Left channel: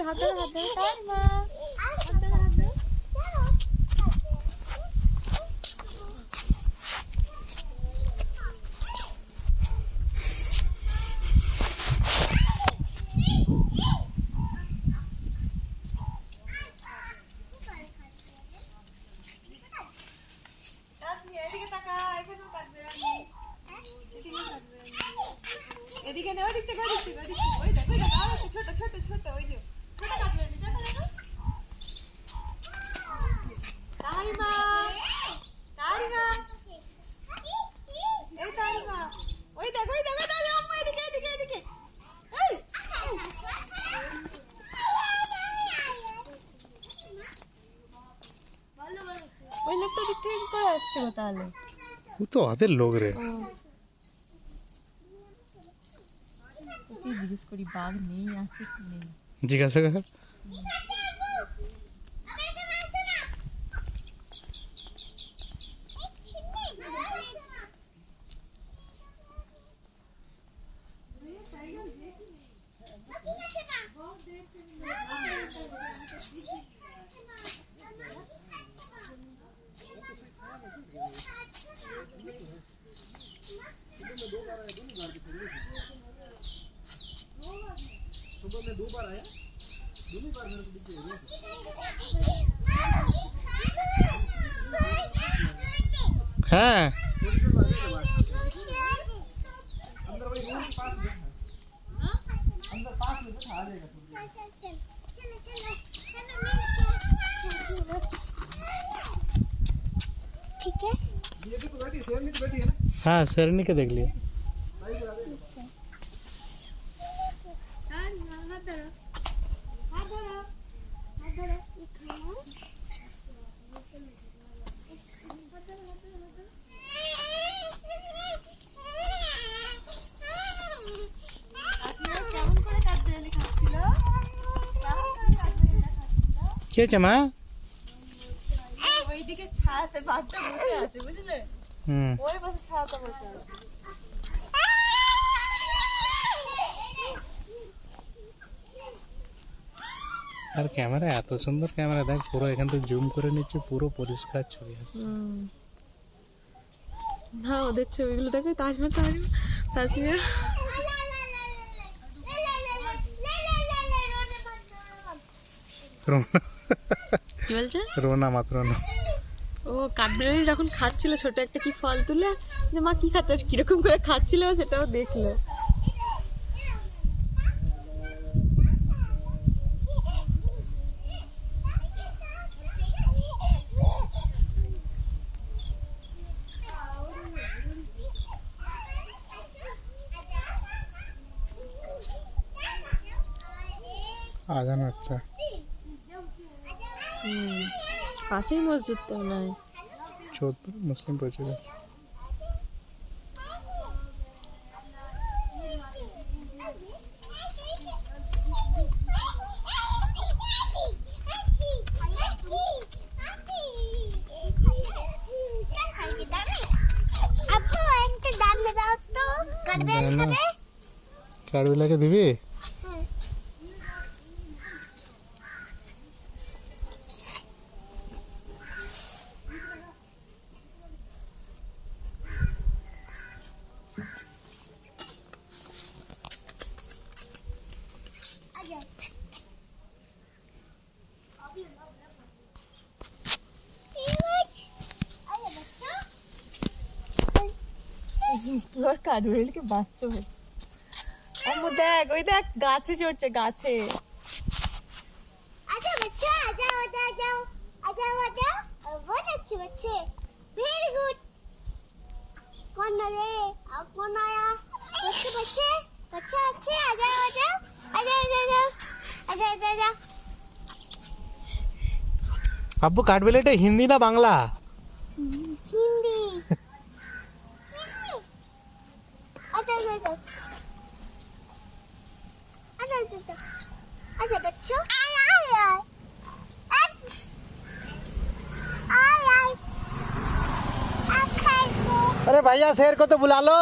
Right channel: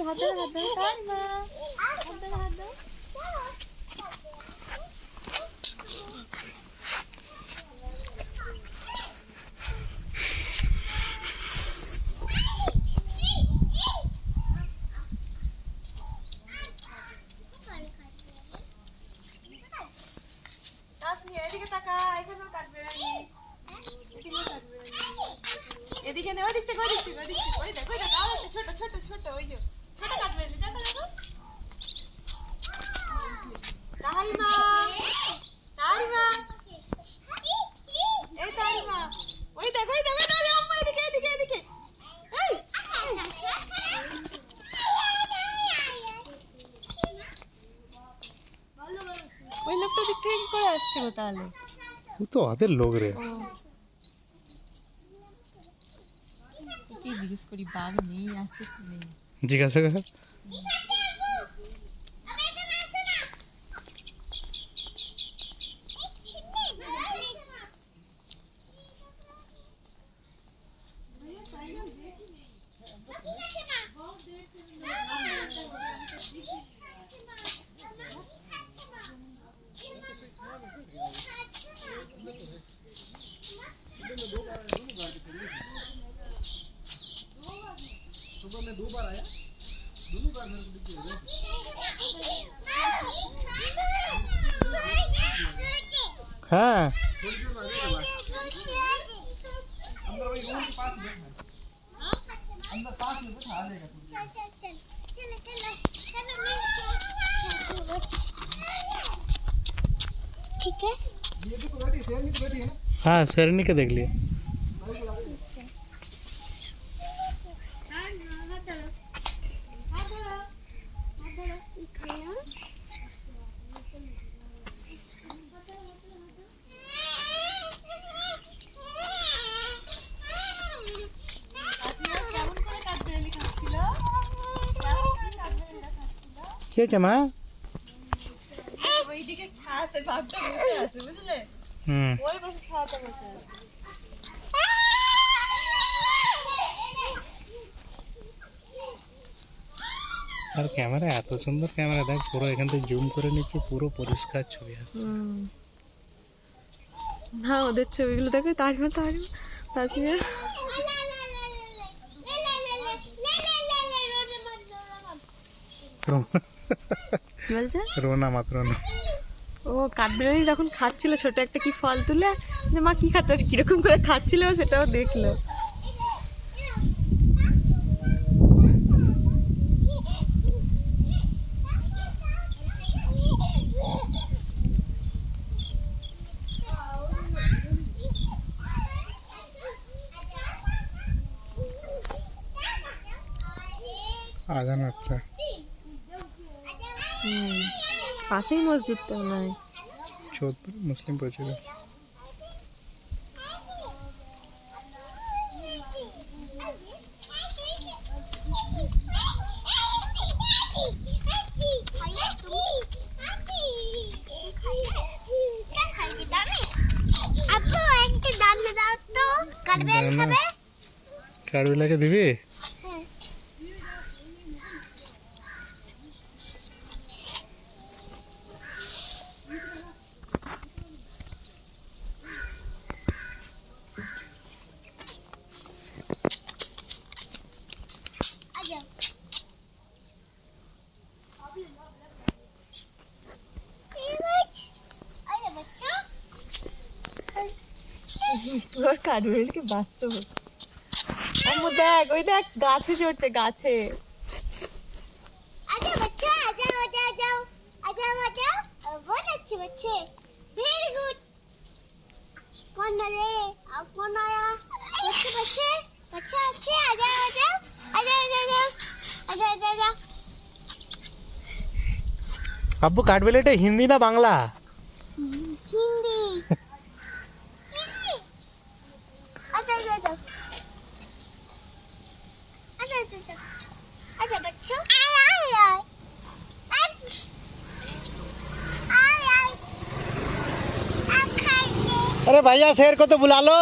আসছে, হাত ধরো টাইমা, হাত ধরো এদিকে তাকা, এখনো কাটবে না, এদিকে নে, ওদিক থেকে ওদিক থেকে ওদিক থেকে, ওই দেখ আর একটা ছোট ছোট ছোট, ওই যে ছোট কাটবে, দেখো দেখো তাহারিমা, তাহারিমা, এই তাহারিমা, ওই দেখ ওই দেখ, আম্মা এদিকে এদিকে এদিকে, এই ওই লোকটা দিক থেকে করে আসছিল তাহলে, ও তো ওদের লোক রে। কি জিজ্ঞেস করি বাঘ নেই আছে কি নেই, জিজ্ঞাসা কর। सुबह में 2 बार आया, दोनों बार मेरे को दिख गया। हाँ अंदर वही रूम के पास बैठना, अंदर पास में बैठा आ जाएगा। ठीक है, ये भी तो बैठी, शेरनी तो बैठी है ना। हाँ शेरनी का देख लिए। क्या चमा ওইদিকে ছায়াতে বাঘটা বসে আছে বুঝলে, ওই বসে ছায়াতে বসে আছে। আর ক্যামেরা এত সুন্দর ক্যামেরা, দেখ পুরো এখান থেকে জুম করে নিচ্ছে, পুরো পরিষ্কার ছবি আসছে। না ওদের ছবিগুলো দেখো, তাজমা তাজমা কি বলছে, রোনা মাত্র না। ও কাঠবিড়ালি যখন খাচ্ছিল ছোট একটা কি ফল তুলে, যে মা কি খাচ্ছ, কিরকম করে খাচ্ছিল সেটাও দেখলো। আজান হচ্ছে, পাশেই মসজিদ তো নয়, যোধপুর মুসলিম পৌঁছে গেছে। কাঠবিলাকে দিবি? কাঠবিড়ালিকে বাচ্চা হচ্ছে, আম্মু দেখ ওই দেখ গাছে চড়ছে, গাছে। आजा बच्चा, आजा आजा आजा आजा आजा, बहुत अच्छे बच्चे, वेरी गुड। कौन आया, कौन आया, बच्चे बच्चे बच्चे अच्छे, आजा आजा आजा आजा आजा आजा आजा। আব্বু কাঠবিলাটা হিন্দি না বাংলা? हिंदी। आजा आजा आजा आजा आजा आजा बच्चों, आया अरे भैया शेर को तो बुला लो।